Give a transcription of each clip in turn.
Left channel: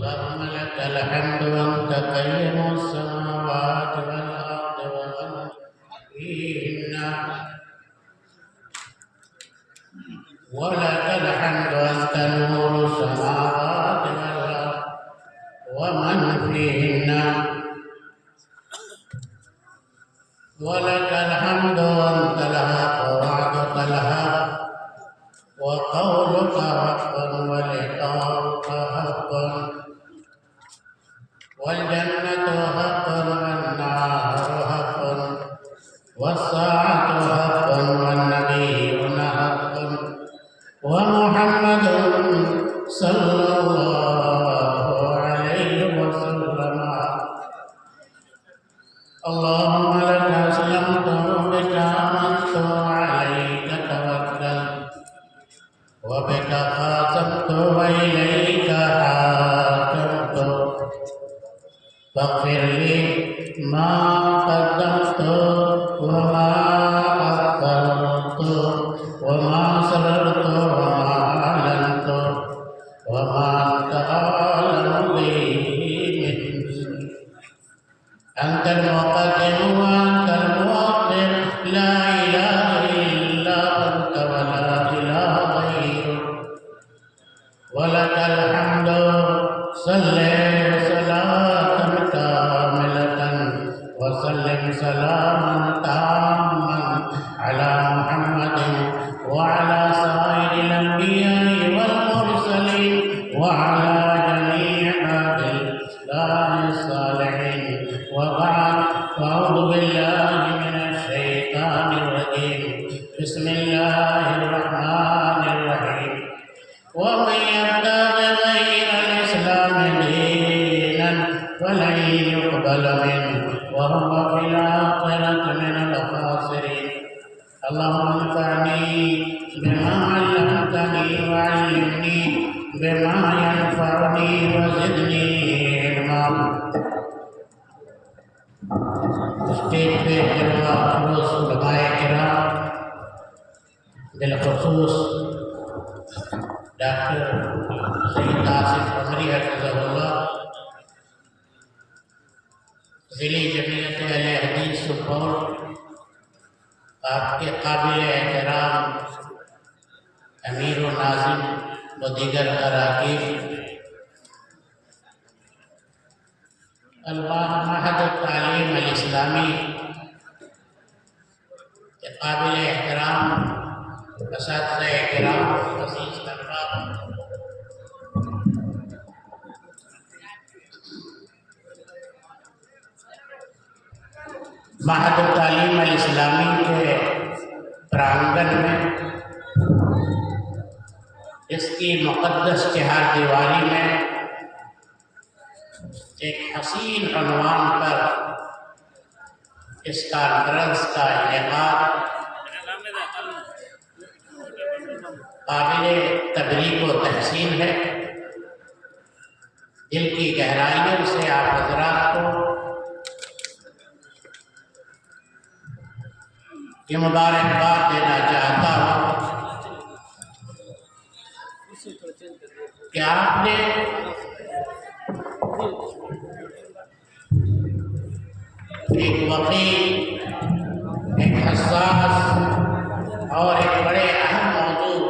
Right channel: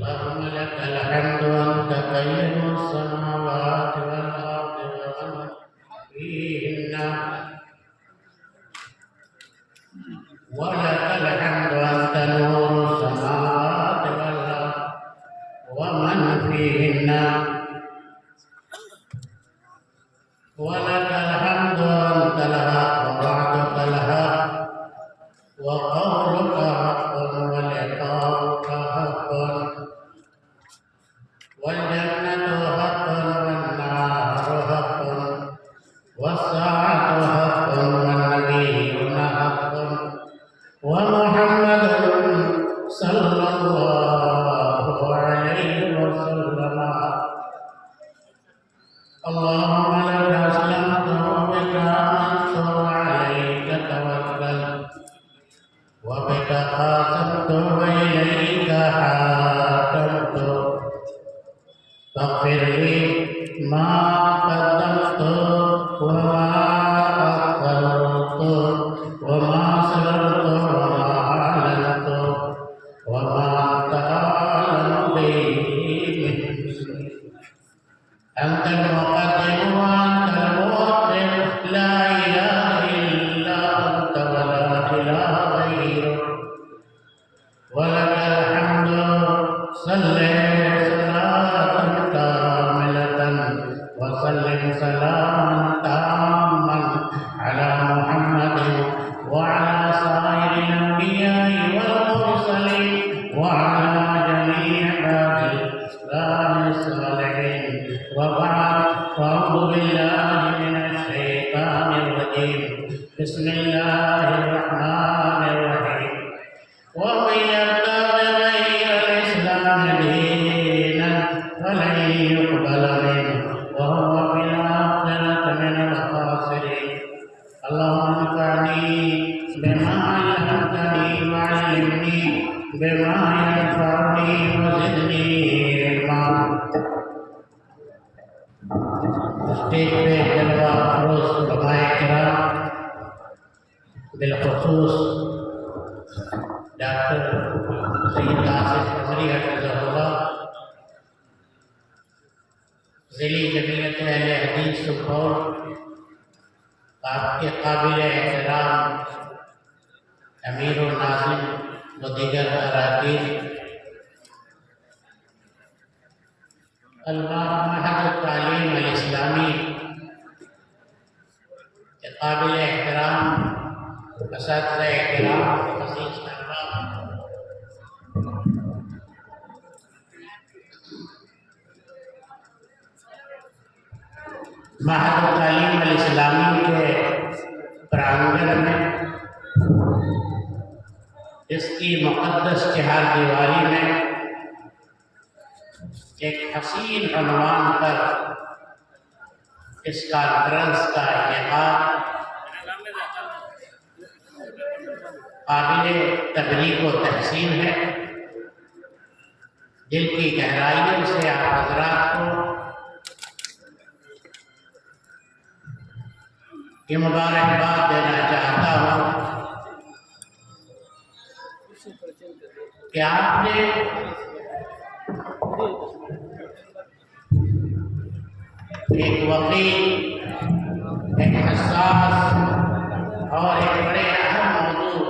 اللهم لك الحمد وأنت قيم السماوات والأرض ومن فيهن، ولك الحمد وأنت نور السماوات والأرض ومن فيهن، ولك الحمد وأنت الحق ووعدك الحق وقولك حق ولقاؤك حق، والجنة حق والنار حق، والساعة حق والنبيون حق، ومحمد صلى الله عليه وسلم. اللهم لك أسلمت وبك آمنت وعليك توكلت وبك خاصمت وإليك حاكمت، فاغفر لي ما قدمت وما أخرت وما سررت وما أعلنت وما أنت أعلم به مني. أنت المقدم وأنت المؤخر، لا إله إلا أنت ولا إله غيرك، ولك الحمد. صل صلاة كاملة وسلم سلاما تاما على محمد وعلى سائر الأنبياء والمرسلين وعلى جميع أهل الإسلام الصالحين، وبعد، فأعوذ بالله من الشيطان الرجيم. بسم الله الرحمن الرحيم. ومن يبتغ غير الإسلام دينا فلن يقبل منه وهو في الآخرة من الخاسرين. اللهم انفعني بما علمتني وعلمني بما ينفعني وزدني علما. اسٹیج پہ جلوہ افروز علماء کرام، بالخصوص ڈاکٹر سید آصف عمری حفظہ اللہ، ضلعی جمعیت اہل حدیث سپول، آپ کے قابل احترام امیر الناظم و دیگر اراکین، معہد التعلیم الاسلامی کے قابل احترام اساتذہ کرام، عزیز طلباء، معہد التعلیم الاسلامی کے پرانگن میں اس کی مقدس چہار دیواری میں ایک حسین عنوان پر اس کانفرنس کا انعقاد قابل تبریک و تحسین ہے۔ دل کی گہرائیوں سے آپ حضرات کو یہ مبارکباد دینا چاہتا ہوں کہ آپ نے ایک وقی، ایک حساس اور ایک بڑے اہم موضوع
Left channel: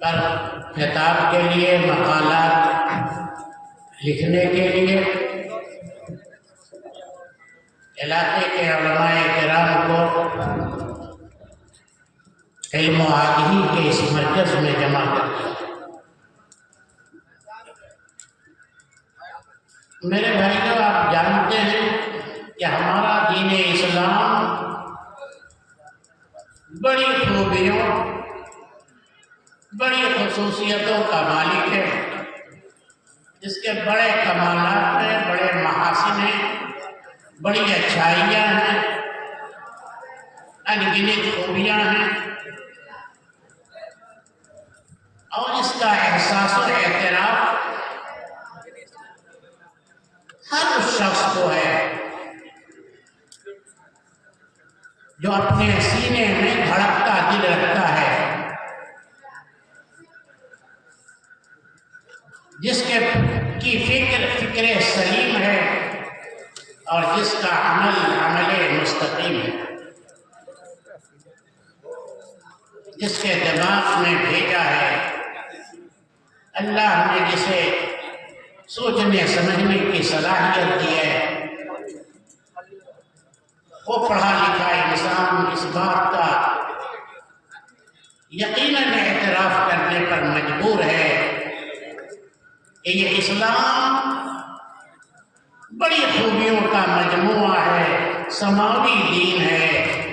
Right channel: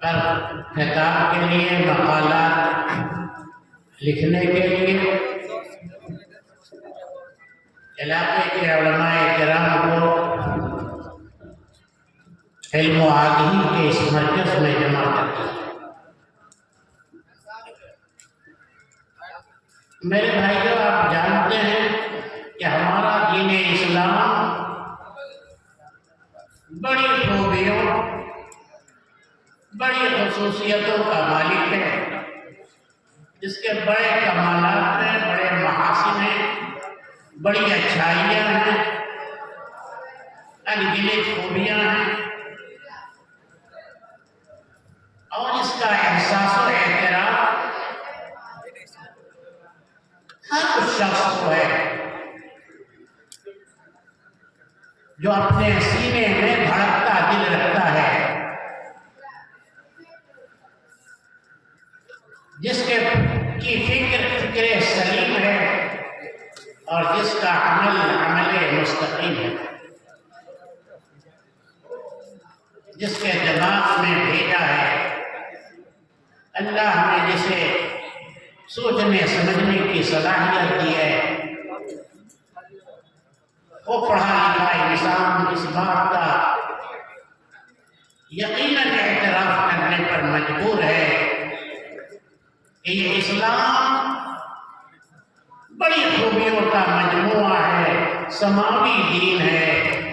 پر خطاب کے لیے، مقالات لکھنے کے لیے علاقے کے علماء کرام کو علم و آگاہی کے اس مرکز میں جمع کر دیا۔ میرے بھائیوں، آپ جانتے ہیں کہ ہمارا دین اسلام بڑی خوبیوں، بڑی خصوصیتوں کا مالک ہے، جس کے بڑے کمالات ہیں، بڑے محاسن ہیں، بڑی اچھائیاں ہیں، انگنت خوبیاں ہیں، اور اس کا احساس و اعتراف ہر اس شخص کو ہے جو اپنے سینے میں دھڑکتا دل رکھتا ہے، جس کی فکر سلیم ہے، اور جس کا عمل مستقیم ہے، جس کے دماغ میں بھیجا ہے اللہ نے، جسے سوچنے سمجھنے کی صلاحیت دی ہے، وہ پڑھا لکھا انسان اس بات کا یقیناً اعتراف کرنے پر مجبور ہے کہ یہ اسلام بڑی خوبیوں کا مجموعہ ہے، سماوی دین ہے،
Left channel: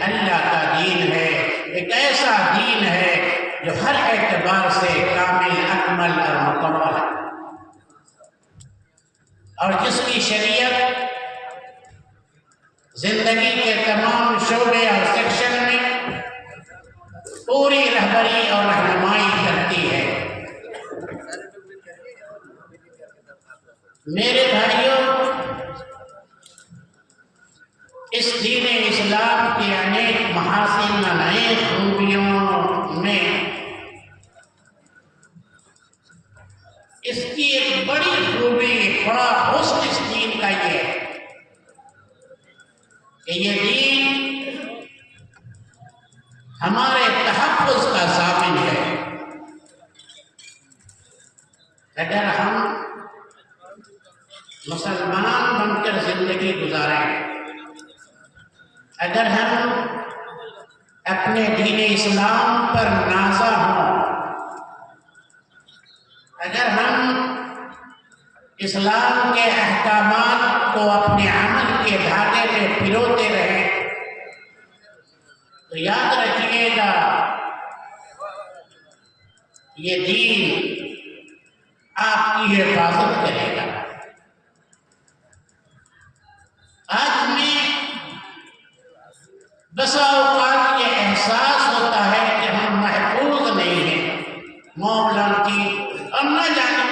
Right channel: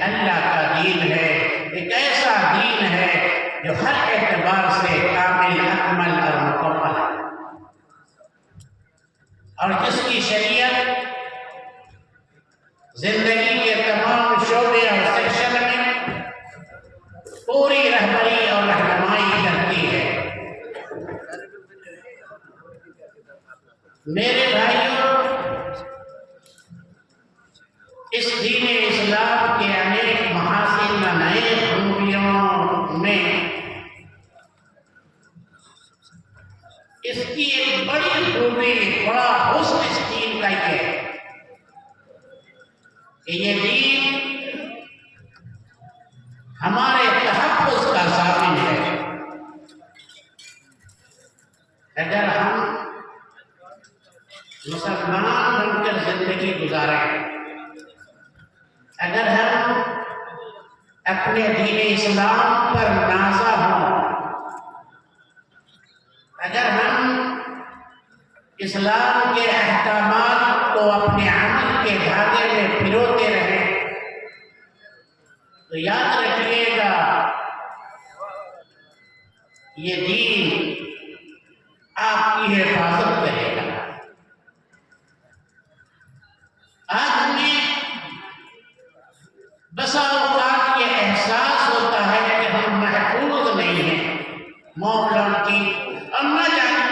اللہ کا دین ہے، ایک ایسا دین ہے جو ہر اعتبار سے کامل، اکمل اور مکمل ہے، اور جس کی شریعت زندگی کے تمام شعبے اور سیکشن میں پوری رہبری اور رہنمائی کرتی ہے۔ میرے بھائیوں، اس دین اسلام کے انیک محاسن، انیک خوبیوں میں اس کی ایک بڑی خوبی، بڑا حسن اس دین کا یہ ہے کہ یہ دین ہمارے تحفظ کا ضامن ہے۔ اگر ہم مسلمان بن کر زندگی گزاریں، اگر ہم اپنے دین اسلام پر نازا ہوں، اگر ہم اسلام کے احکامات کو اپنے عمل کے دھاگے میں پروتے رہیں، تو یاد رکھیے گا یہ دین آپ کی حفاظت کرے گا۔ آج ہمیں بسا اوقات یہ احساس ہوتا ہے کہ ہم محفوظ نہیں ہیں معاملوں کی، اور نہ جانے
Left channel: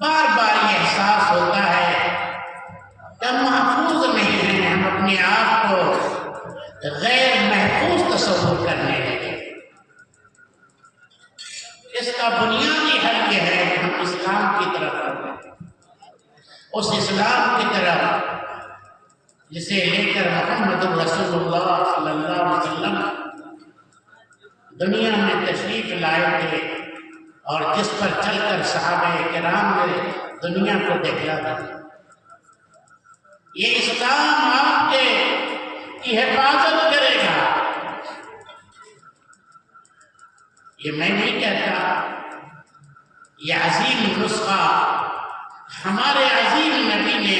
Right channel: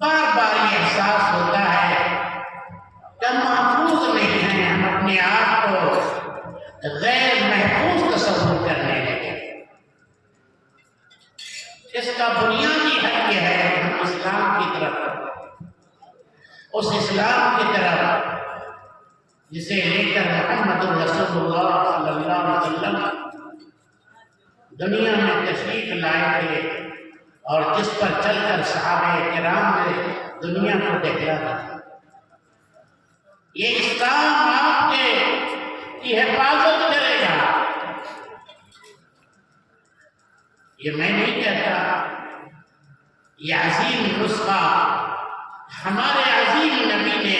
بار بار یہ احساس ہوتا ہے کہ ہم محفوظ نہیں ہیں، ہم اپنے آپ کو غیر محفوظ تصور کرنے لگے۔ اس کا بنیادی حل یہ ہے کہ ہم اسلام کی طرف، اس اسلام کی طرف جسے لے کر محمد رسول اللہ صلی اللہ علیہ وسلم دنیا میں تشریف لائے تھے، اور جس پر چل کر صحابہ کرام نے دنیا کو دکھلا دیا۔ یہ اسلام آپ کی حفاظت کرے گا۔ یہ میں نہیں کہتا، یہ عظیم نسخہ ہمارے عظیم نبی نے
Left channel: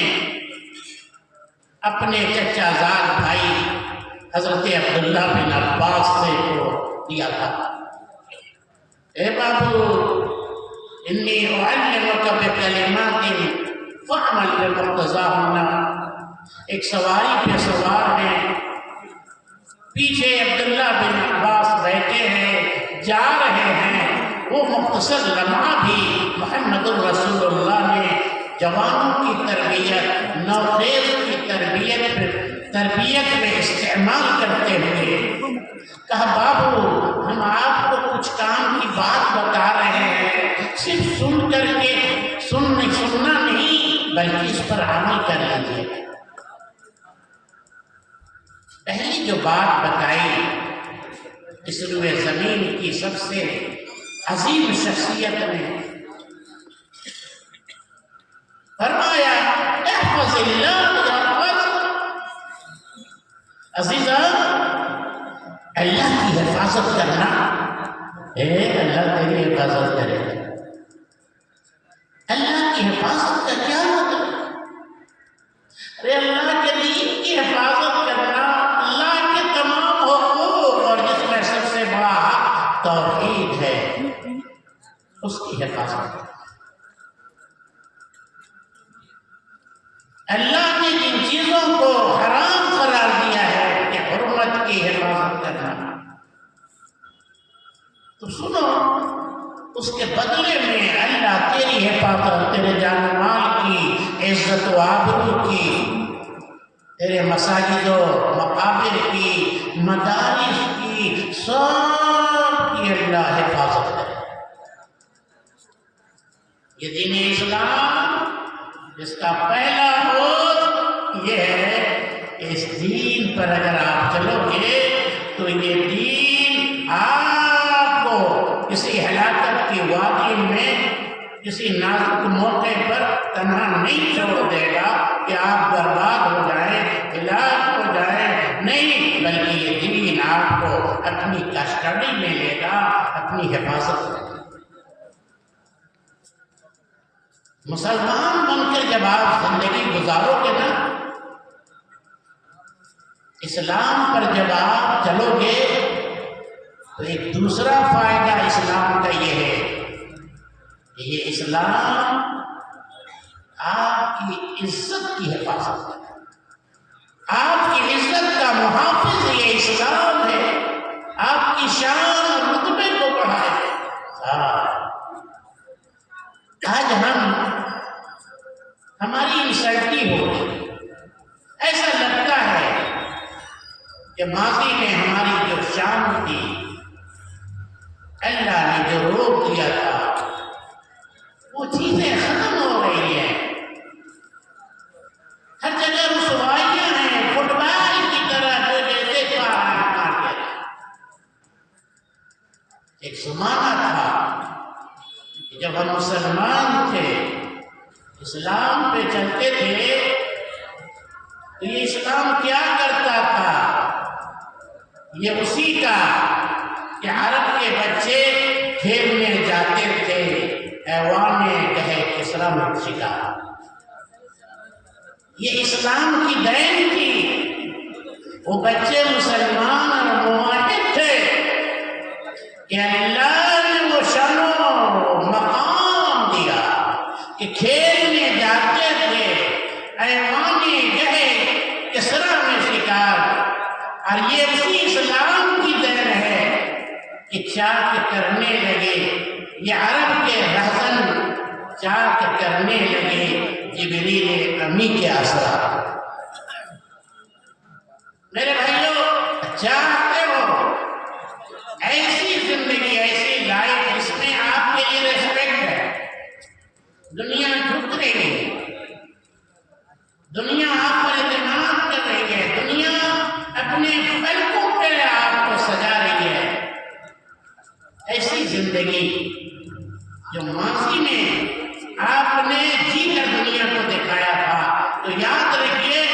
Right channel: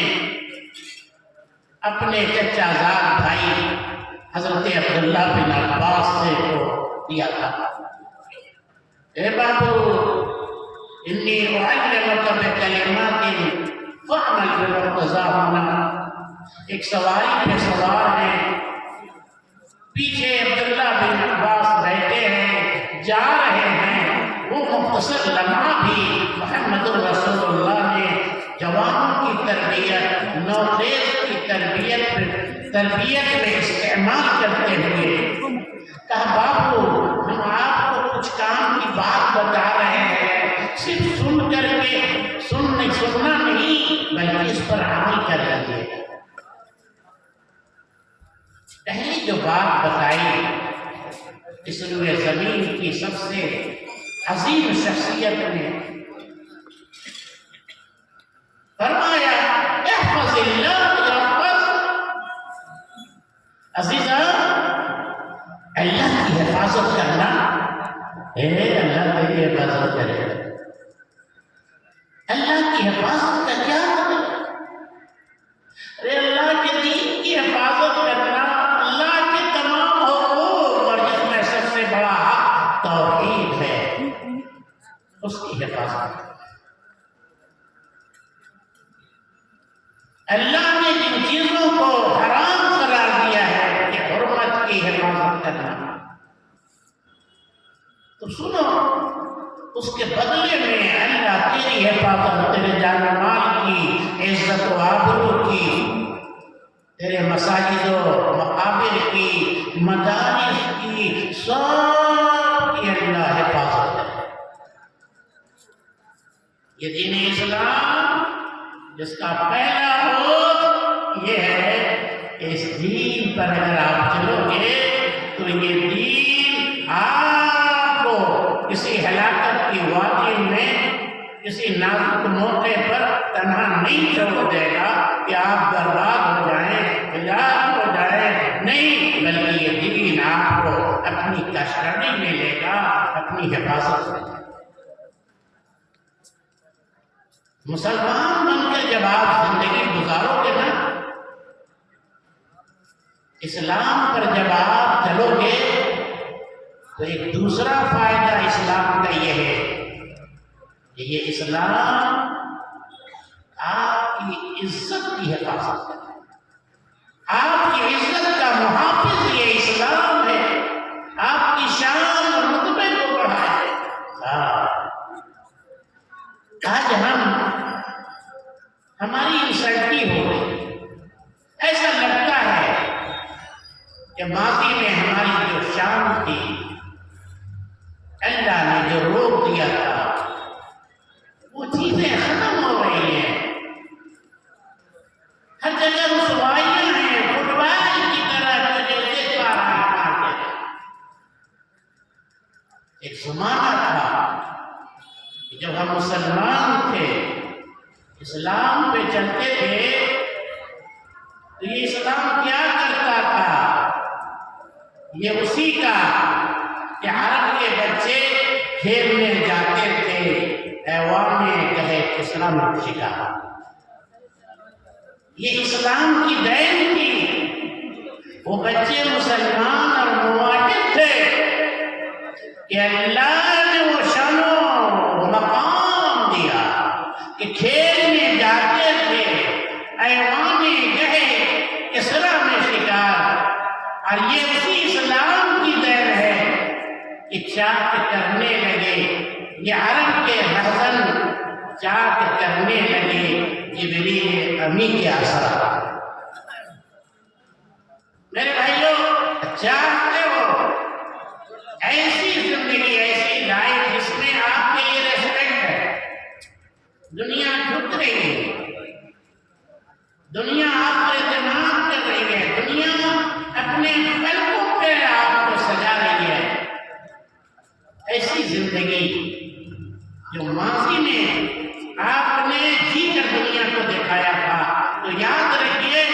اپنے چچا زاد بھائی حضرت عبداللہ بن عباس سے کو دیا تھا۔ اے بابو، انی اعلمک بکلمات فاعمل بمقتضاہن۔ ایک سواری پہ سوار ہیں، پیچھے عبداللہ بن عباس بیٹھے ہیں، جا رہے ہیں۔ وہ مختصر لمحہ بھی محمد رسول اللہ نے جوانوں کی تربیت، نوخیز کی تربیت میں استعمال کرتے ہوئے کہا، بابو ہم آپ کو کچھ کام کی بات بتا رہے ہیں، صرف سن کر کے سننا نہیں بلکہ اس پر عمل کر لیجیے۔ پہلی جو بات بتائی اس روئے زمین کی سب سے عظیم شخصیت نے، فرمایا احفظ اللہ یحفظ۔ عزیزہ، اللہ کی حفاظت کرنا، اللہ تیری حفاظت کرے گا۔ اللہ کی حفاظت کا کیا اللہ نے جن چیزوں کو حرام قرار دیا ہے کہ حرمت کی حفاظت کرنا، تو سنو اس کے بدلے میں اللہ تیری حفاظت، تیرے جان و مال کی، عزت و آبرو کی، تیرے مساجد و مقابر کی، مدارس کی، سب کی اللہ حفاظت کرے۔ یہ دین اسلام جس کا پہلا حکم یہ ہے کہ اس دین پر اگر آپ چلو گے تو یہ دین آپ کو کسی ہلاکت کی وادی میں، کسی نازک موقع پر تنہا نہیں چھوڑ دے گا کہ آپ برباد ہو جائیں، ہلاک ہو جائیں، نہیں، بلکہ یہ دین آپ کو اپنی کسٹڈی میں لے گا، اپنی حفاظت میں۔ مسلمان بن کر جب آپ زندگی گزارو گے نا، اسلام پر جب آپ چلو گے تو ایک دوسرا فائدہ اسلام کا یہ ہے کہ یہ اسلام آپ کی عزت کی حفاظت کرتا ہے، آپ کی عزت کا محافظ یہ اسلام ہے، آپ کی شان اور رتبے کو بڑھائے۔ آج ہماری انسلٹی ہو رہی، ایسا لگتا ہے کہ ماضی میں ہماری جو شان تھی، اللہ نے جو روک دیا تھا، وہ چیزیں ختم ہو رہی ہیں۔ ہر جگہ رسوائیاں ہیں، فٹ بال کی طرح جو جیسے مار دیا۔ ایک زمانہ تھا کہ جب ہم مسلمان تھے، اسلام پہ چلتے تھے، تو یہ اسلام کیا کرتا تھا؟ یہ اسی کا کہ عرب کے بچے کھیلنے جاتے تھے ایوان گہے کسرا میں شکار۔ یہ اسلام کی دین تھی۔ وہ بچے مسلمان اور موحد تھے کہ اللہ نے وہ شان و مقام دیا کہ کھیلنے جاتے تھے ایوان گہے کسرا میں شکار۔ اور یہ اسی اسلام کی دین ہے کہ چاک کرنے لگے یہ عرب کے حسن، چاک کرنے لگے جبریل امی کے اثرات۔ میرے بھائیوں، چاہتے ہو ایسی زندگی، ایسی لائف جس میں آپ کے لیے ریسپیکٹ ہے، دنیا جھک رہی ہے، دنیا آپ پر اعتماد کر رہی ہے، دنیا اپنے فلکوں پہ آپ کو سجا رہی ہے، ایسی زندگی جو ماضی میں آپ نے جی کر دنیا کو دکھایا تھا، تو یاد رکھیے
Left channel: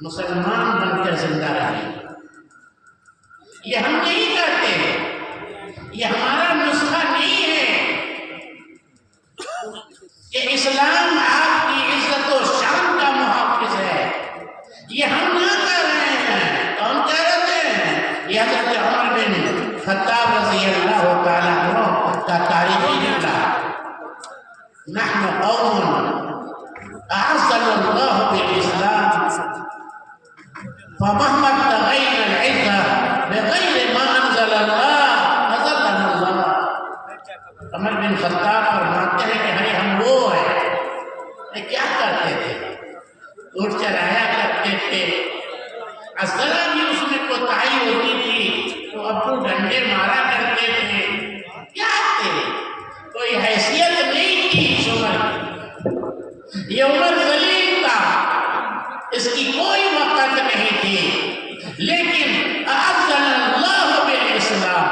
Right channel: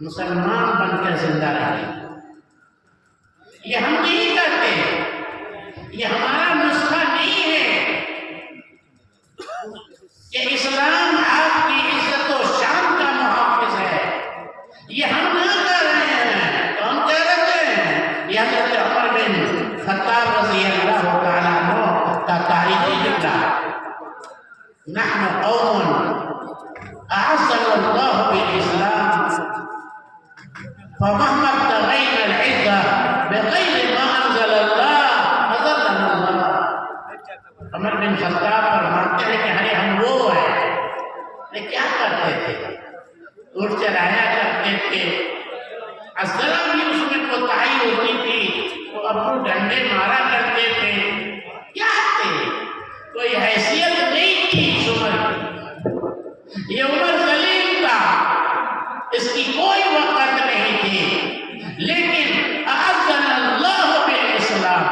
مسلمان بن کر زندہ رہے۔ یہ ہم نہیں کرتے، یہ ہمارا نسخہ نہیں ہے کہ اسلام آپ کی عزت و شان کا محافظ ہے، یہ ہم نہ کر رہے ہیں۔ کون کہہ رہے ہیں؟ یہ حضرت عمر بن خطاب رضی اللہ تعالیٰ عنہ کا تاریخی جملہ، نحن قوم اعزنا اللہ بالاسلام فمهما ابتغينا العزة بغير ما انزل اللہ اذلنا اللہ۔ عمر بن خطاب فرماتے ہیں کہ ہم وہ ہیں، کیا کرتے تھے؟ اٹھ چلایا کرتے تھے، ذرا بھی اس میں کوتاہی ہوتی تھی تو ابو ڈنڈے مارا کرتے تھے۔ کیا تھے؟ کوئی حیثیت نہیں تھی اس عمر کی۔ یہ عمر ذلیل تھا، اس کی کوئی وقت نہیں تھی، لیکن اعزنا اللہ بالاسلام،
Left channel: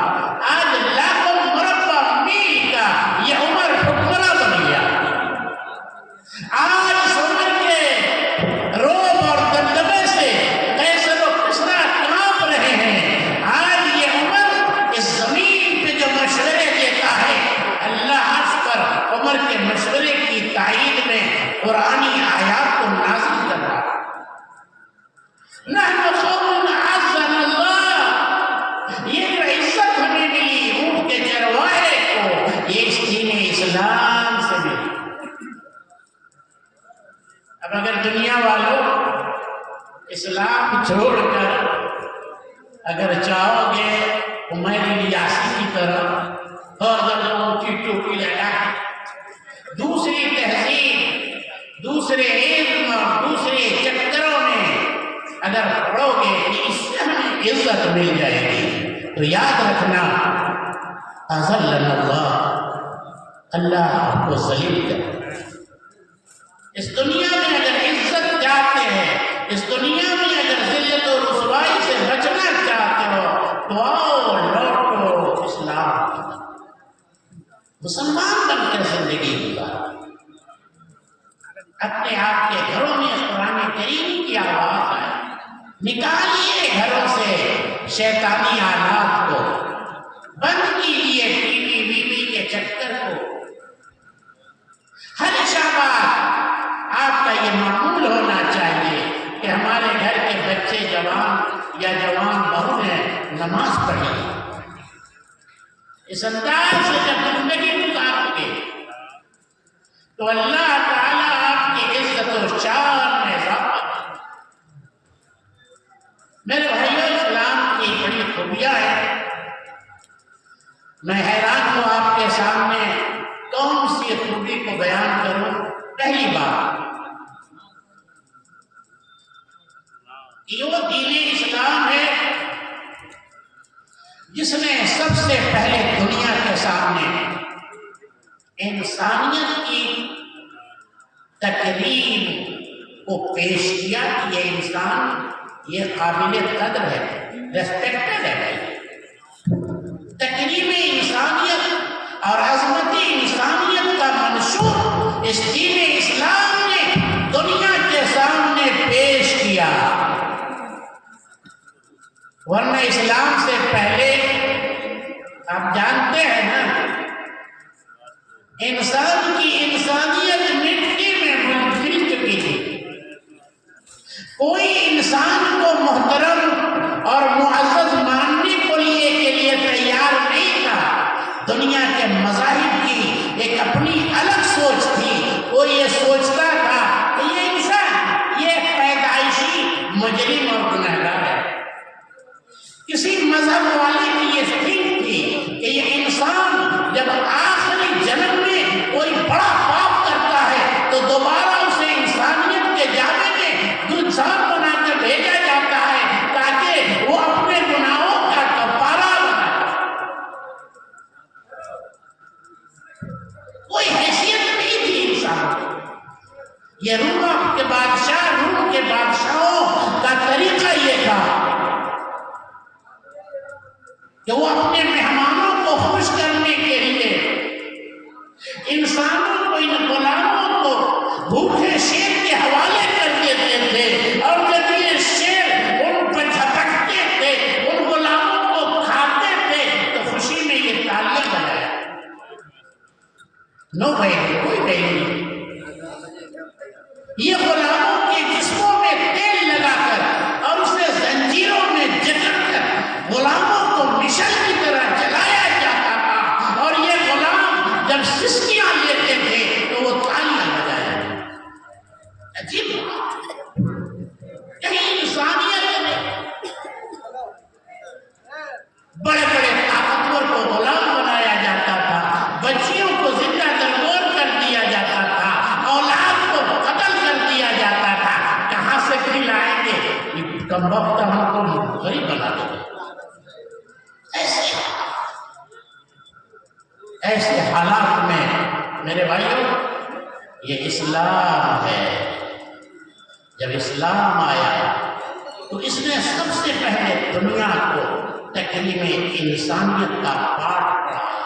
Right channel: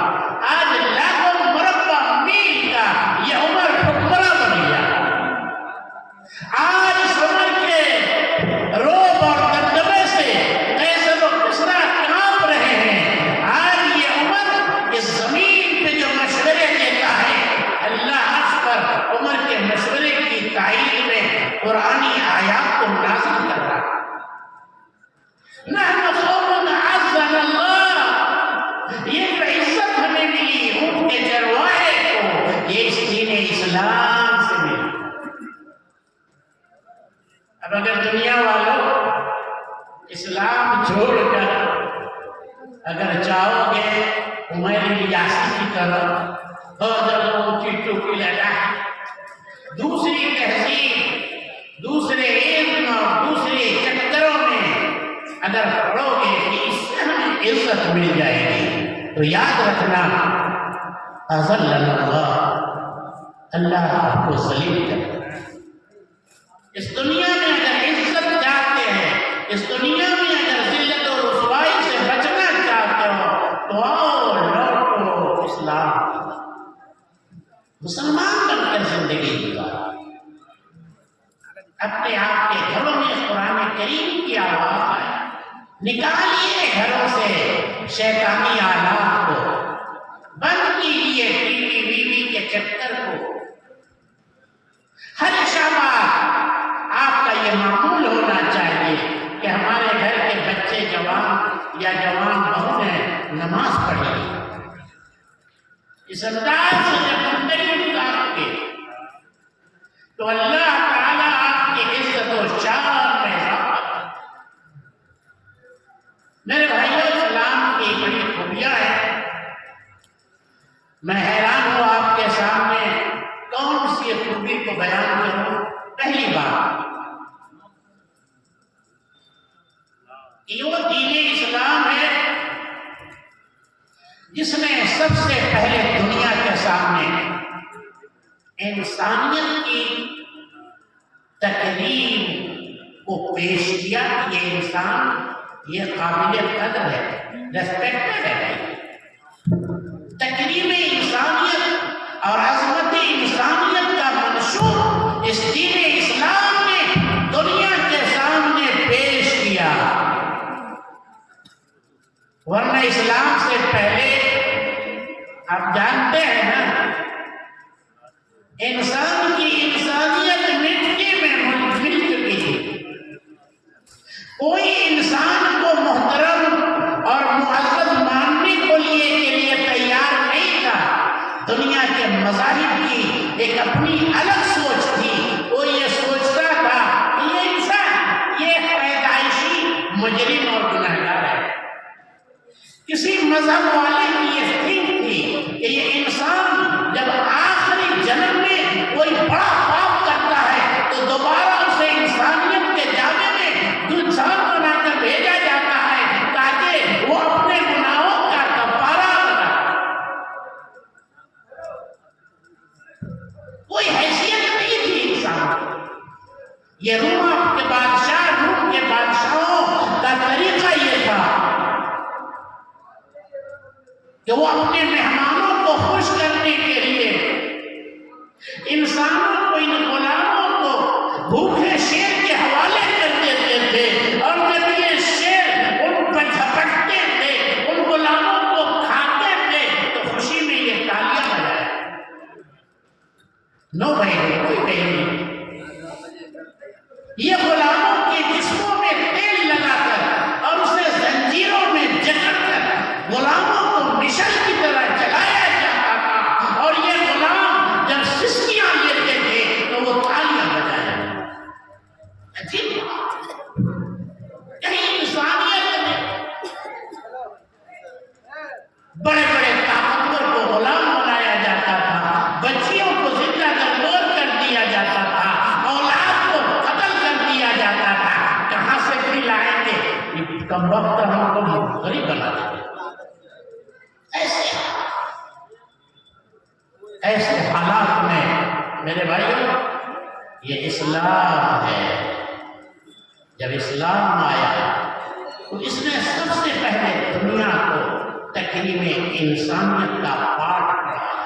آج لاکھوں مربع میل کا یہ عمر حکمراں بن گیا۔ آج اس عمر کے روب اور دبدبے سے قیصر و کسریٰ کانپ رہے ہیں۔ آج یہ عمر اس زمین پہ جو مشورے دیتا ہے، اللہ عرش پر عمر کے مشورے کی تائید میں قرآنی آیات کو نازل کر رہا ہے۔ نحن قوم اعزنا اللہ، یہ جو عزت ہمیں ملی اونٹ کے چروائے کو، یہ اس دین اسلام سے ملی۔ اب اگر دنیا والوں اسلام چھوڑ کر اگر چاہو گے عمر الیاسی کی طرح ہر جگہ اونچی ٹوپی لگا دوسری تہذیب دوسرے علم اور دوسرے چکروں میں اگر پڑھو گے کہ اس سے ہمیں عزت مل جائے گی تو یاد رکھنا اذلنا اللہ آپ کو ذلیل کرے۔ اس دنیا میں اگر عزت چاہتے ہیں اس دنیا میں اگر ذلت و رسوائی سے بچنا چاہتے ہو تو آؤ لوٹو اسلام کی طرف، مسلمان بن کر زندگی گزارو۔ اپنے آپ کے گھروں میں قرآن کریم کی آواز آئے، نکالیے گھروں سے شیطانی آلات کو، بند کیجیے ٹی وی کے چکر کو۔ ہر شب آپ کا یہ معمول ہونا چاہیے کہ ہمارے گھر کے بچے جوان یا جوان بہنیں نماز پڑھیں۔ اس انداز سے جب زندگی گزارو گے تو اللہ تعالیٰ آپ کی عزت و شان میں اضافہ کرے۔ میرے بھائیو، اسلام کی بڑی خوبیاں ہیں۔ میں حیران ہوں آپ کے سامنے کون سی خوبی کو بیان کروں۔ پہلی بات یہ وہ دین اسلام ہے جس نے سب سے پہلے دنیا کے سامنے انسانیت کی تکریم کو پیش کیا کہ یہ انسان یہ قابل قدر ہے، ریسپیکٹڈ ہے۔ تکریم انسانیت اور عظمت انسانیت کا منشور اس دین اسلام نے دنیا کے سامنے پیش کیا، ورنہ اسلام سے پہلے آپ جانتے ہیں نا انسان کی انسانیت مٹی میں مل چکی تھی۔ کوئی انسان کو محترم اور معزز ماننے کے لیے تیار نہیں تھا۔ دنیا کے مذاہب کی ایک اپنی الگ سوچ تھی۔ وہ یہ سوچتا تھا کہ یہ انسان یہ پیدائشی مجرم اور گنہگار ہے۔ کسی مذہب والے کی یہ فکر تھی کہ یہ انسان جب آخری جنم میں کوئی بڑا پاپ کرتا ہے تو دوبارہ اسے انسانیت کے جامع میں گلزار بنا کر بھیجا جاتا ہے تاکہ وہ اپنے گناہوں کا کفارہ لگائے۔ کوئی حیثیت نہیں تھی انسان کی۔ یہ روم کے بادشاہوں کا طریقہ یہ تھا کہ وہ اپنے مہمانوں کو خوش کرنے کے لیے انسانوں کو، ان غلاموں کو بھوکے شیر کے حوالے کر دیتے تھے، اور جب یہ شیر ان پر جھپٹتے تھے، ان غلاموں کو کھاتے تھے تو خوشی میں یہ تالیاں بجائے۔ نو بھائی، کوئی نہیں، یہ غلاموں کے جسموں میں تیل لگا کر اور اسے زنجیروں میں جکڑ کر غلاموں کو مشل کی طرح جلایا جاتا تھا، اور یہ غلام جب سسکیاں لیتے تھے تو وہ تالیاں بجائے۔ عجیب بات، کہیں انسانیت میں بڑے بڑے طاقتور کو غلام بنایا جاتا تھا، بچیوں کو زندہ درگور کر دیا جاتا تھا، اولاد کو قتل کر دیا جاتا تھا۔ کہاں سے دل آئیں گے یہ کم وقت ہم کو غریب بنا دیں گے۔ ایسے حالات میں میرے بھائیو یہ اسلام ہے۔ جب اسلام آیا تو اس نے سب سے پہلے دنیا کو تکریم انسانیت کا پاٹ پڑھایا۔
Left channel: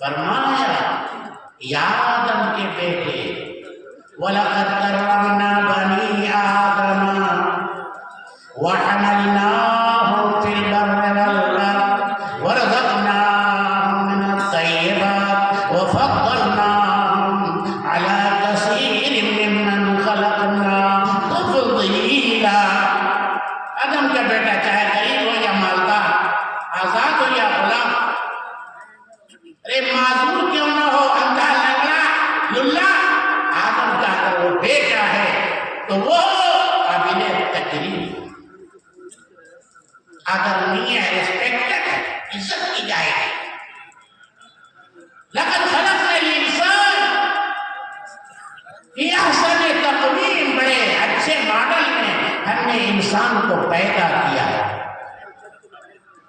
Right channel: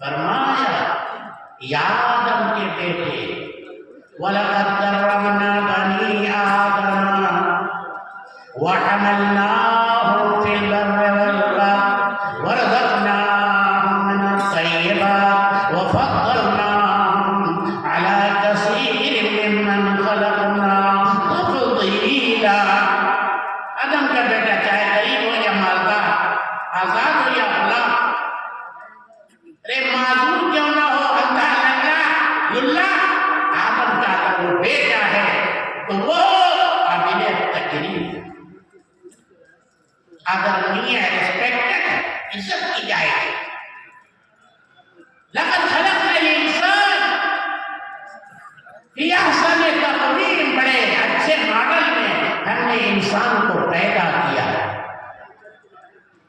فرمایا یا آدم کے بیٹے وَلَقَدْ كَرَّمْنَا بَنِي آدَمَ وَحَمَلْنَاهُمْ فِي الْبَرِّ وَالْبَحْرِ وَرَزَقْنَاهُمْ مِنَ الطَّيِّبَاتِ وَفَضَّلْنَاهُمْ عَلَى كَثِيرٍ مِّمَّنْ خَلَقْنَا تَفْضِيلًا۔ آدم کا بیٹا چاہے غریب ہو یا مالدار، آزاد ہو یا غلام، ارے معذور کیوں نہ ہو، اندھا لنگڑا للہ، آدم کا اگر وہ بیٹا ہے آدرنی ہے، ریسپیکٹڈ، عزت کی جائے گی۔ لقد خلقنا الانسان فی احسن تقویم، بڑے اچھے ماڈل میں ہم نے انسان کو پیدا کیا ہے۔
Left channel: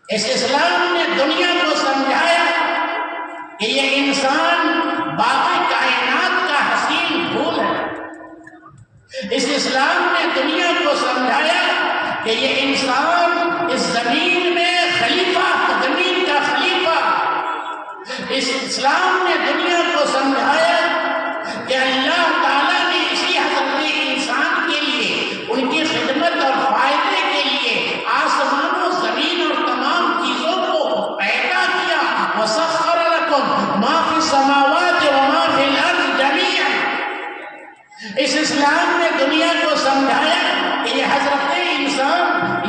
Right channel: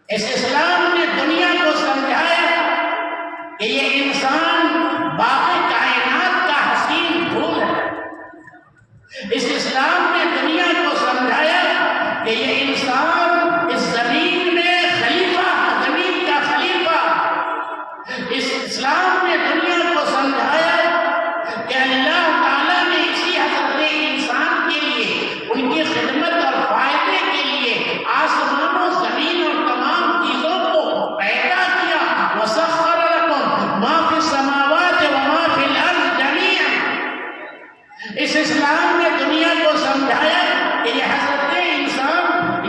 اس اسلام نے دنیا کو سمجھایا کہ یہ انسان باقی کائنات کا حسین پھول ہے۔ اس اسلام نے دنیا کو سمجھایا کہ یہ انسان اس زمین میں خلیفہ، زمین کا خلیفہ۔ اس اسلام نے دنیا کو سمجھایا کہ اللہ تعالیٰ نے اسی حضرت انسان کے لیے، ان کی خدمت اور فائدے کے لیے آسمان و زمین اور تمام چیزوں کو پیدا کیا۔ وَسَخَّرَ لَكُم مَا فِي السَّمَاوَاتِ وَمَا فِي الْأَرْضِ جَمِيعًا۔ اس اسلام نے دنیا کو سمجھایا کہ یہ حضرت انسان،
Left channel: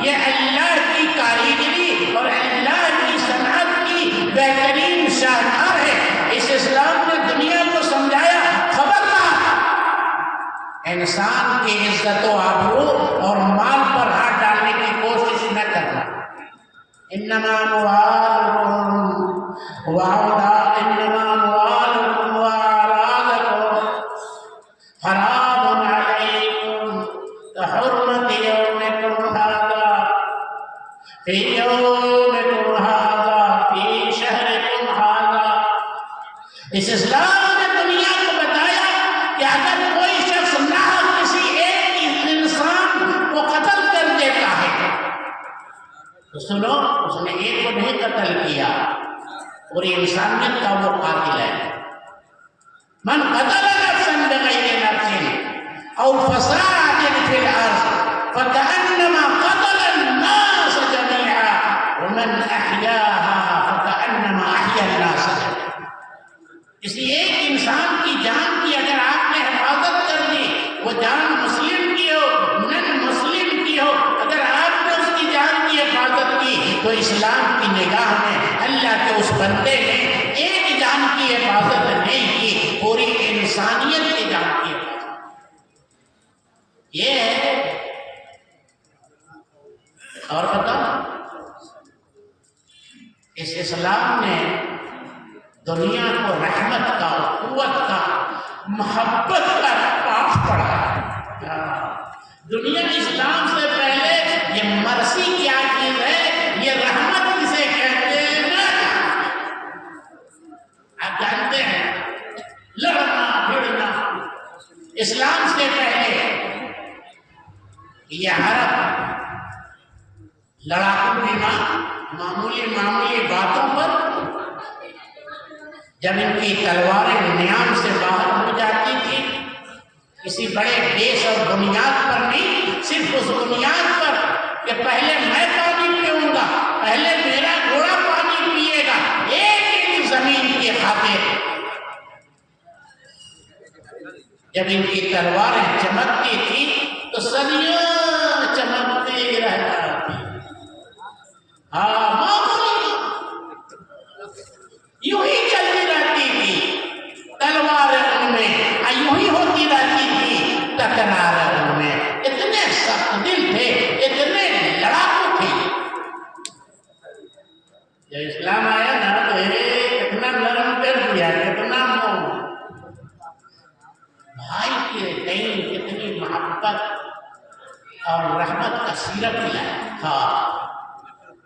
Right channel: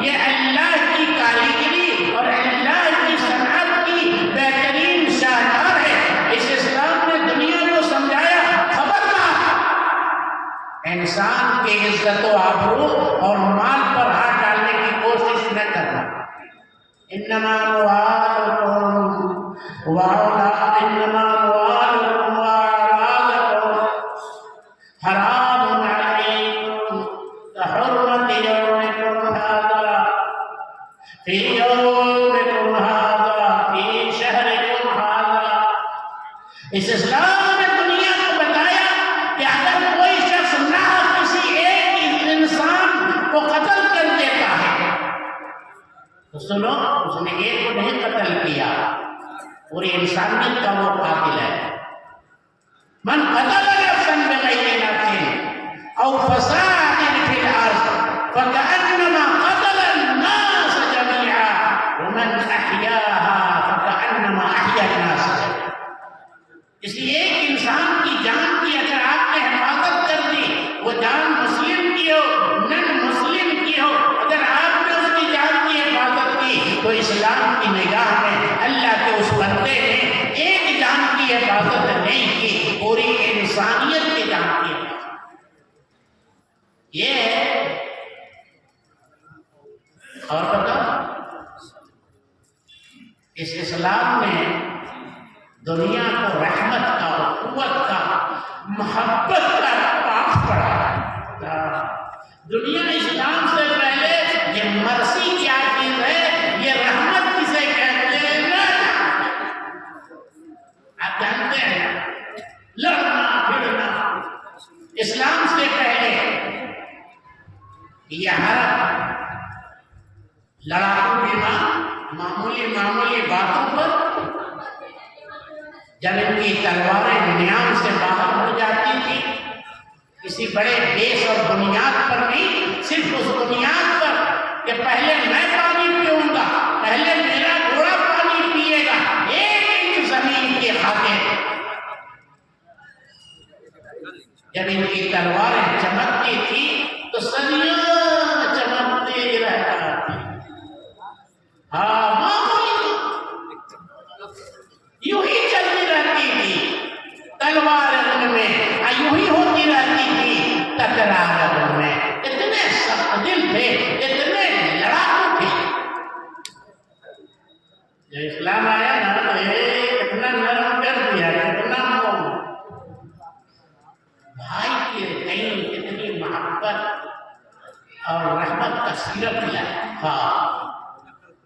یہ اللہ کی کاریگری اور اللہ کی صنعت کی بہترین شاہکار ہے۔ اس اسلام نے دنیا کو سمجھایا خبردار انسان کی عزت و آبرو اور مال پر ہاتھ ڈالنے کی کوشش نہ کرنا۔ انما اموالکم واولادکم حرام علیکم کحرمت یومکم ھذا فی یومکم ھذا فی شہرکم ھذا۔ اس اسلام نے دنیا کو بتایا کہ اگر کوئی شخص نہ کسی ایک انسان کو قتل کر دیتا ہے تو سنو، اس نے ایک کو نہیں قتل کیا، پوری انسانیت کا وہ قاتل ہے۔ من قتل نفسا بغیر نفس او فساد فی الارض فکأنما قتل الناس جميعا ومن احیاها فکأنما احیا الناس جميعا۔ کسی ایک انسان کی جان کی اگر آپ نے حفاظت کر دی، وہ جان مسلم کی ہو نن مسلم کی ہو، اگر آپ نے اس کی جان کی حفاظت کی تو اسلام کی نگاہ میں اللہ کے اس بندے نے ایک جان کی حفاظت نہیں کی، پوری انسانیت کی جان کی حفاظت۔ یہ ہے اور بتا، اس اسلام نے دنیا کو رحمت کا، قوت کا، محبت کا پاس پڑا ہے۔ دنیا اسلام سے پہلے یہ مرسی کیا چیز ہے، یہ رحمت کسے کہتے ہیں نہ آپ جانتے ہیں۔ لڑنا پھرنا اسلام سے پہلے یہ عرب لڑاکو بیمان معمولی باتوں پر جب ان کی تلواریں نیام سے باہر ہو جاتی تھی، کسی بڑے دیش اور بنیاد پر نہیں، صرف اس بنیاد پر کہ پہلے میں پانی پیوں گا، پہلے میرا گھوڑا پانی پیے گا، ایک زمین کی خاطر جب ان کی تلواریں چمکتی تھی تو صدیاں چمکتے رہتا تھی۔ یوں ہی چلتی رہتی تھی تلوار ان میں، یوں ہی ہوتی رہتی تھی تکرار ان میں۔ اتنے سخت دل تھے، اتنے لڑاکو تھے۔ جب اسلام آیا نا تو اتنا نرم کر دیا، اتنا بھائی کے کہیں اتنی محبت اور رحمت کا سیرت ہے۔ ہاں،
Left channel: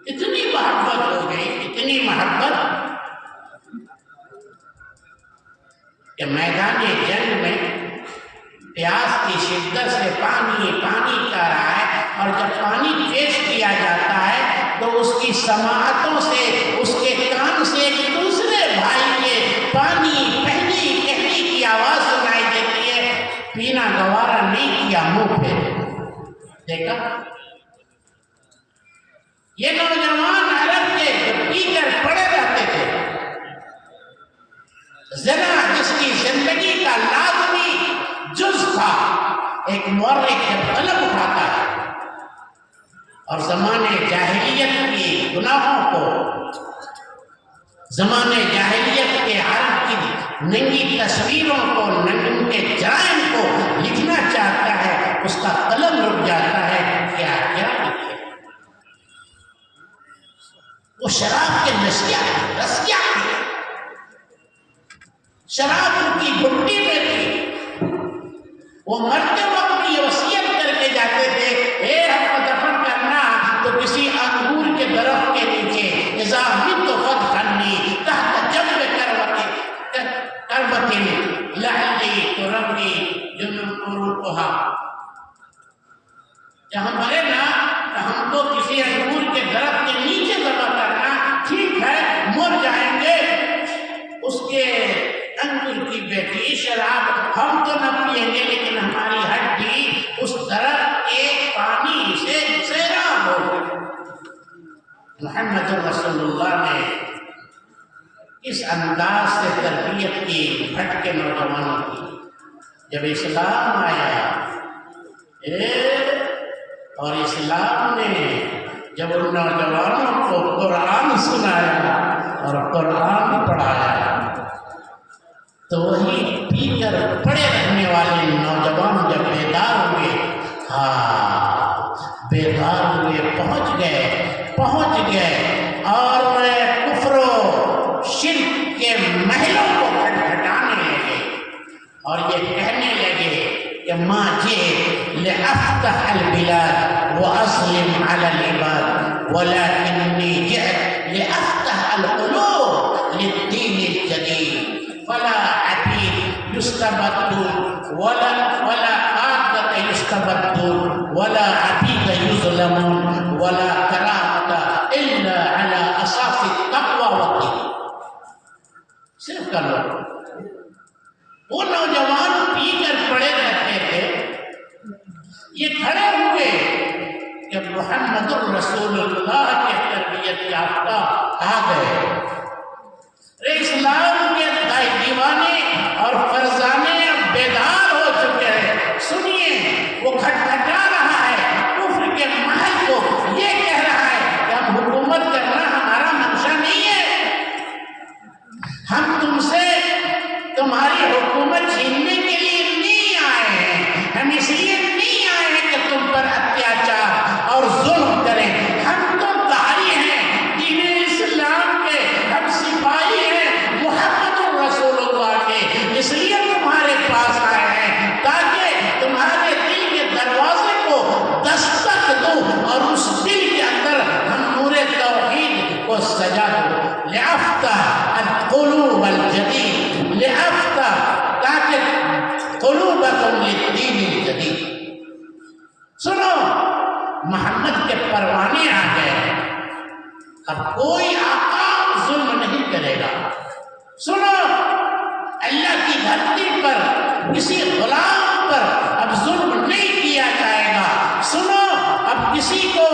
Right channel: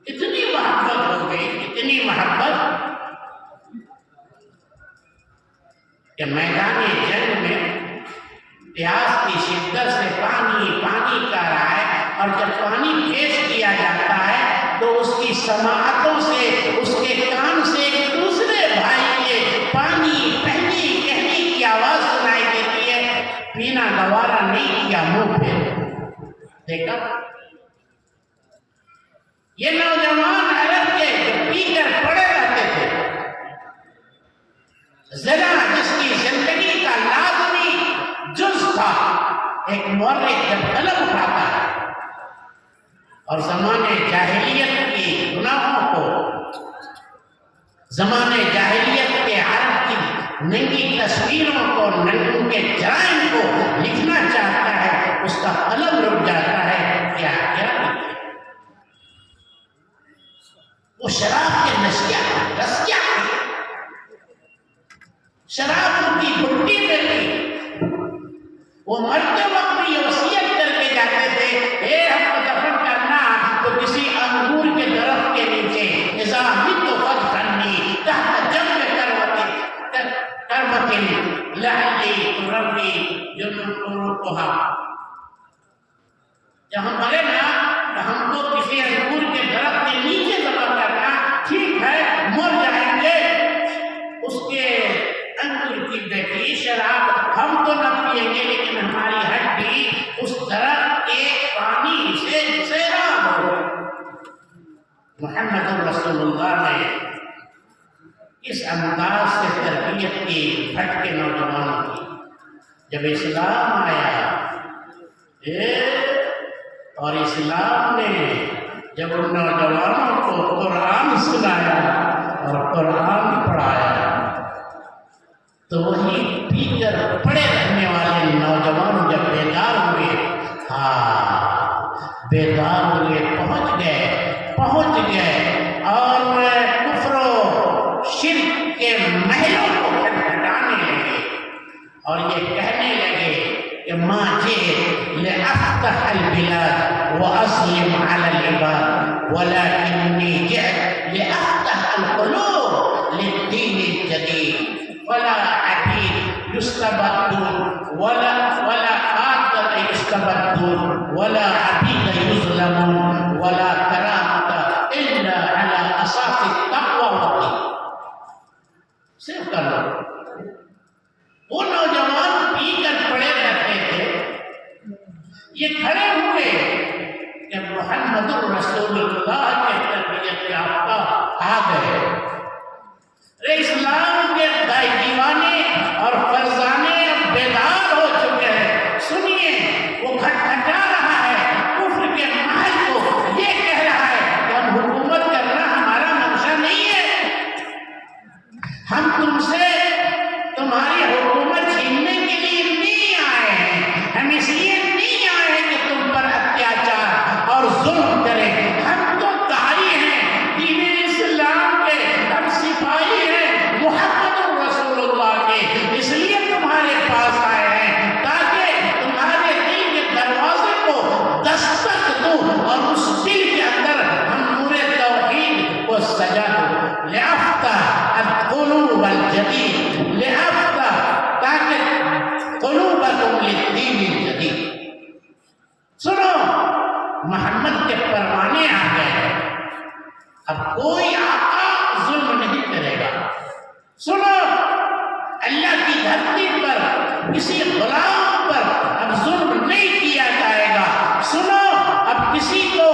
اتنی محبت ہو گئی، اتنی محبت کہ میدان جنگ میں پیاس کی شدت سے پانی کر رہا ہے، اور جب پانی پیش کیا جاتا ہے تو اس کی سماعتوں سے، اس کے کان سے ایک دوسرے بھائی کے پانی کہنے کی آواز سنائی دیتی ہے۔ پینا گوارا نہیں کیا، منہ پہ دیکھا۔ یہ نوجوان عرب کے پی کر پڑے رہتے تھے۔ زنا جس کی زندگی کا لازمی جز تھا، ایک مورخ جب قلم اٹھاتا ہے اور زمانے جاہلیت کی گناہوں کو، زمانے جاہلیت کے عرب کی ننگی تصویروں کو، ان کے جرائم کو لکھنا چاہتا ہے، اس کا قلم رک جاتا ہے۔ کیا وہ مرتے وقت یہ وصیت کر کے جاتے تھے، اے ہم کو دفن کرنا تو کسی انگور کے درخت کے نیچے، اذا مت فادفنی تحت جنب کربۃ لعلی تربی جنوبها، جب ہم مرے نا تو ہم کو کسی انگور کے درخت کے نیچے دفن کرنا، ٹھیک ہے مر جائیں گے، اس کے انگور کی بیٹی شراب ہم تو نہ پیئیں گے لیکن ہماری ہڈی اس درخت کے پانی سے سیراب ہو۔ محمد رسول اللہ نے اس انداز سے تربیت کی بھٹ کے نوجوانوں کی۔ جب اسلام آیا اور اسلام نے جب ان نوجوانوں کو قرآن سنایا اور قرآن پڑھایا تو وہی پی کر پڑے رہنے والے نوجوان جب بیدار ہوئے، بیدار ہوئے، پہنچ گئے اور کفر و شرک کے محلوں کو کھٹکھٹانے لگے اور یہ کہنے لگے کہ ما جئت لأفتح البلاد وأسلم على العباد ولكنني جئت لأفتح القلوب للدين الجديد ولا عبيد يستبدون ولا قادة يستبدون ولا عبيد يظلمون ولا كرامة إلا على أساس التقوى والدين۔ صرف کر لو، وہ نوجوان پی کر پڑے رہتے تھے، یہ کھڑے ہوئے کہ محمد رسول اللہ کے تربیت یافتہ آ گئے، اسلام کے دیوانے اور فرزانے اب بیدار ہو چکے ہیں۔ سنیے، وہ کھٹکھٹا رہا ہے کفر کے محل کو، یہ کہہ رہا ہے کہ اب حکومت کرنا ہمارا منشا نہیں ہے، ہم تم سے تمہاری حکومت چھیننے کے لیے نہیں آئے ہیں، ہم اس لیے نہیں آئے ہیں کہ تم پر اتیاچار اور ظلم کریں، ہم تو داعی ہیں دین اسلام کے، ہم سپاہی ہیں محمد رسول اللہ کے، اس لیے تمہارے پاس آئے ہیں تاکہ تمہارے دل کے دروازے کو دستک دوں اور اس دل کے اندر ہم نور توحید کو سجا دوں، لأفتح القلوب الجدید، لأفتح تاکہ قلوبکم للدین الجدید۔ سنو، محمد کے پروانے آ گئے، اب کوئی آقا ظلم نہیں کرے گا۔ سنو، اللہ کی دھرتی پر کسی غلام پر اب ظلم نہیں کیا جائے گا۔ سنو، اب کسی کو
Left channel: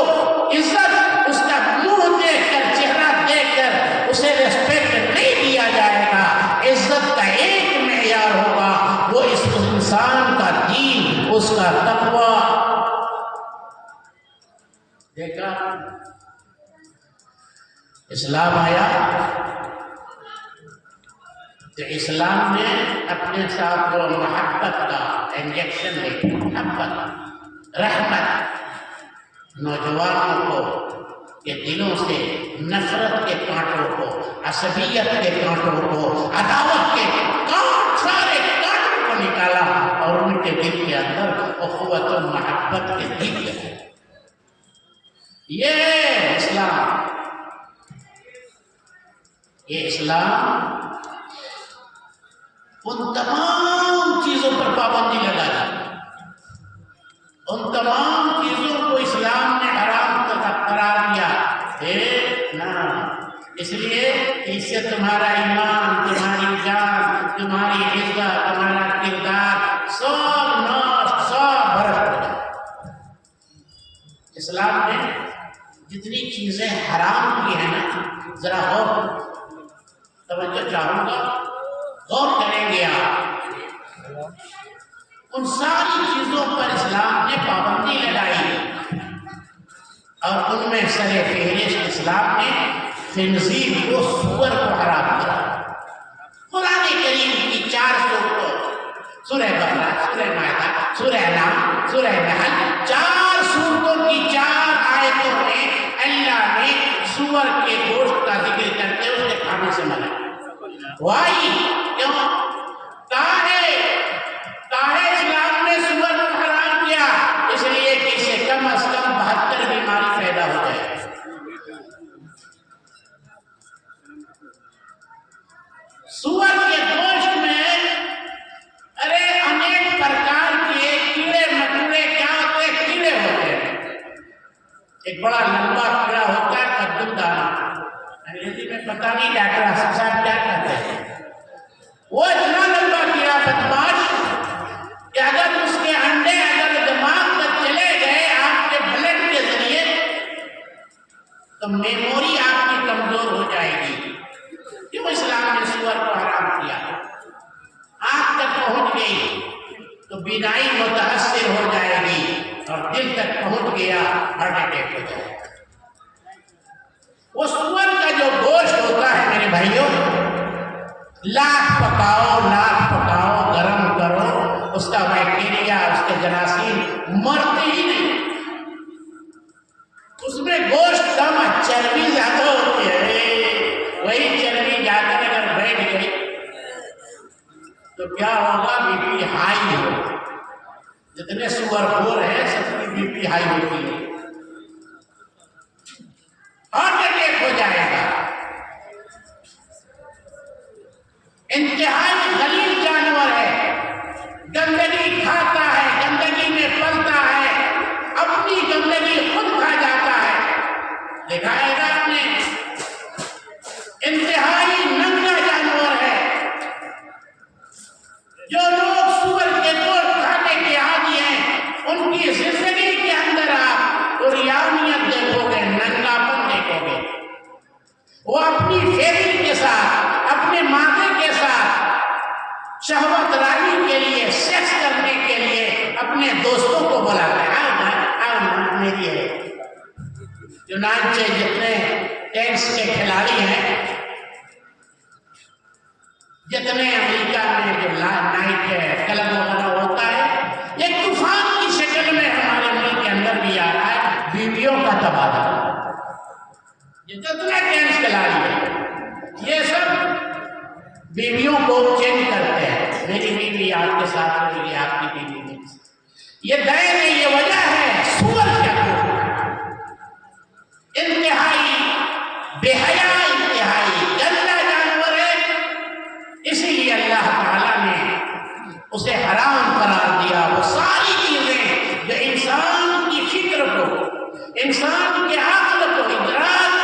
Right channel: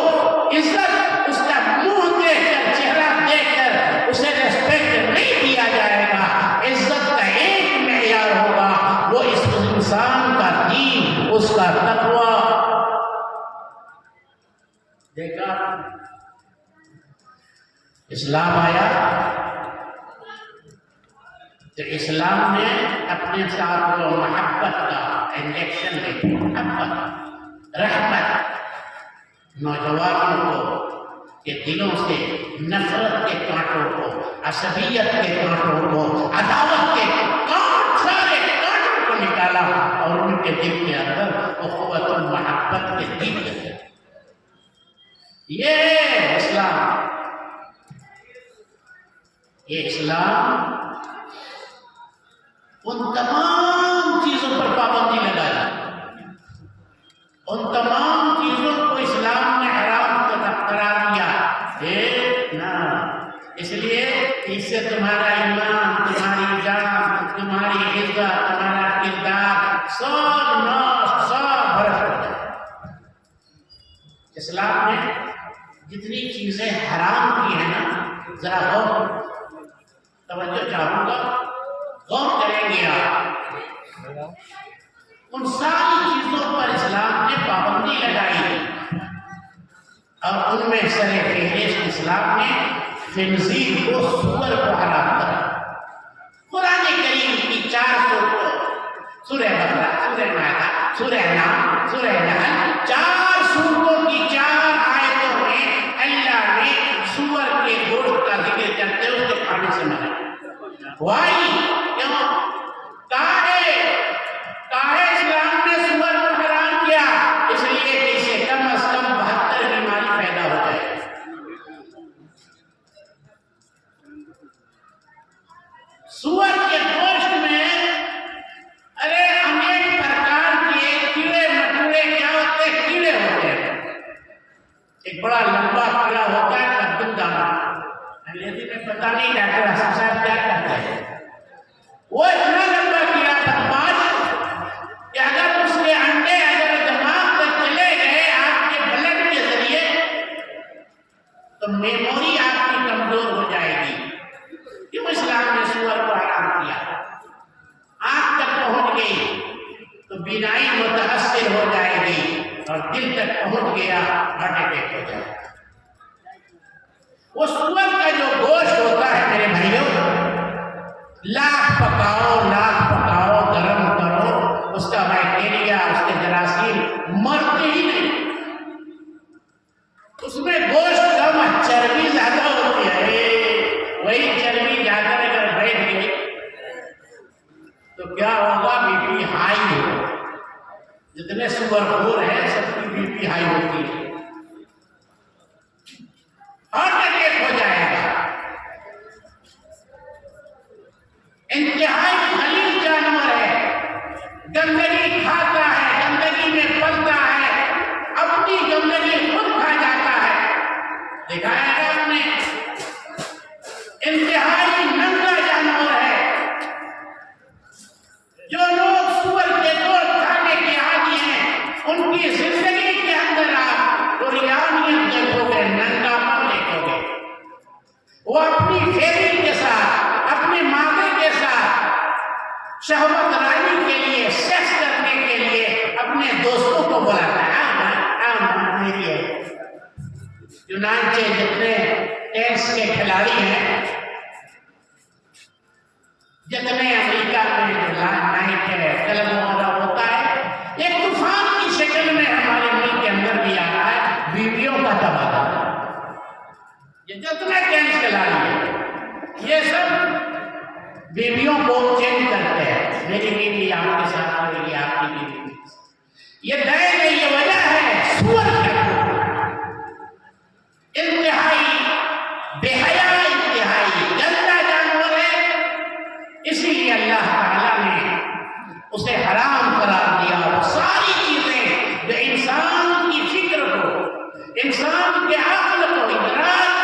عزت اس کا منہ دیکھ کر، چہرہ دیکھ کر اسے ریسپیکٹ نہیں دیا جائے گا۔ عزت کا ایک معیار ہوگا، وہ اس انسان کا دین، اس کا تقوی۔ دیکھا، اسلام آیا تو اسلام نے اپنے ساتھ وہ محبت کا انجیکشن دے، محبت، رحمت، نوجوانوں کو کے دلوں سے نفرت کے کانٹوں کو، عصبیت کے کانٹوں کو، عداوت کے سارے کانٹوں کو نکالا اور ان کے دل کے اندر اخوت و محبت کے دل ہے۔ یہ اسلام، یہ اسلام ان تمام چیزوں پر پابندی لگائی، ان تمام چیزوں کو اسلام نے حرام قرار دیا۔ اس لیے اس سے تمہارا ایمان، تمہاری جان، تمہاری عزت، تمہارا کردار سب برش ہو جائے۔ اسلام نے جتنی چیزیں حرام کی ہیں نا، ذرا غور توجہ چاہوں گا، غور کریں گے آپ، ان ساری چیزوں پر اسلام نے پابندی لگائی اور ان میں سر فہرست اسلام نے خنزیر کو، سور کو حرام کرا۔ قرآن کریم کی 4 سورتوں، سورہ بقرہ، سورہ مائدہ، سورہ نام، سورہ نحل، 4 سورتوں کی 4 آیتوں میں اللہ نے سور کے گوشت کا ذکر کرتے ہوئے اس کے کھانے سے منع کیا۔ وائی کیوں؟ کہا ہے اسلام نے میموری آپ کی کمزور ہو جائے گی۔ کیوں اسلام نے سور کو حرام کیا؟ آنکھ تک پہنچ گئی تو بینائی متاثر ہو جائے گی، اور دل تک پہنچ گیا ہارٹ اٹیک ہو جائے گا۔ وہ سور کا جو گوشت ہوتا ہے میرے بھائیوں، لاکھ پکاؤ گرم کرو، اس کا بیکٹیریا، اس کے جراثیم مرتے ہی نہیں۔ اس میں گوشت کم، چربی زیادہ ہوتی ہے، وہی چربی جا کر اگر بیٹھ گئی تو کیا ہوگا؟ بی پی ہائی ہو۔ جتنے سور خور ہیں سب کی بی پی ہائی ہوتی ہے، ہارٹ اٹیک ہو جائے گا۔ انتہائی غلیظ جانور ہے، گندگی کھاتا ہے، گندگی میں پلتا ہے، اپنی گندگی خود کھا جاتا ہے۔ دیکھا ہے نا آپ نے؟ انتہائی ننگا جانور ہے۔ جو لوگ سور کے گوشت کھانے کے عادی ہیں، ان کی زندگی کے اندر آپ اوریانیت دیکھو گے، ننگاپن دیکھو گے۔ وہ اپنی فیملی کے ساتھ، اپنے مادے کے ساتھ شہوت رانی کے لیے، سیکس کرنے کے لیے اپنے دوستوں کو بلاتا ہے، آؤ میری ہے۔ چنانچہ جتنے ٹینس کے کھلاڑی ہیں، جتنے امریکہ میں جو نائٹ کلب وغیرہ ہوتا ہے، ایک طوفان کی شکل میں ہمارے ملک کے اندر بھی آ رہا ہے، بیویوں کا تبادلہ۔ یہ جتنا ٹینس کھلاڑی ہے، یہ سب بیویوں کو چینج کرتے ہیں، میری بیوی آپ کے ساتھ ہوئی ہے، آپ کی بیوی۔ یہ دین ہے، یہ وجہ ہے سور کا انتہائی بے حیا، انتہائی گندا جانور ہے۔ اسی لیے اللہ تعالیٰ نے اسے حرام قرار دیا۔ وہ ساری چیزیں جو انسان کی فکر کو، انسان کے عقل کو، ادراک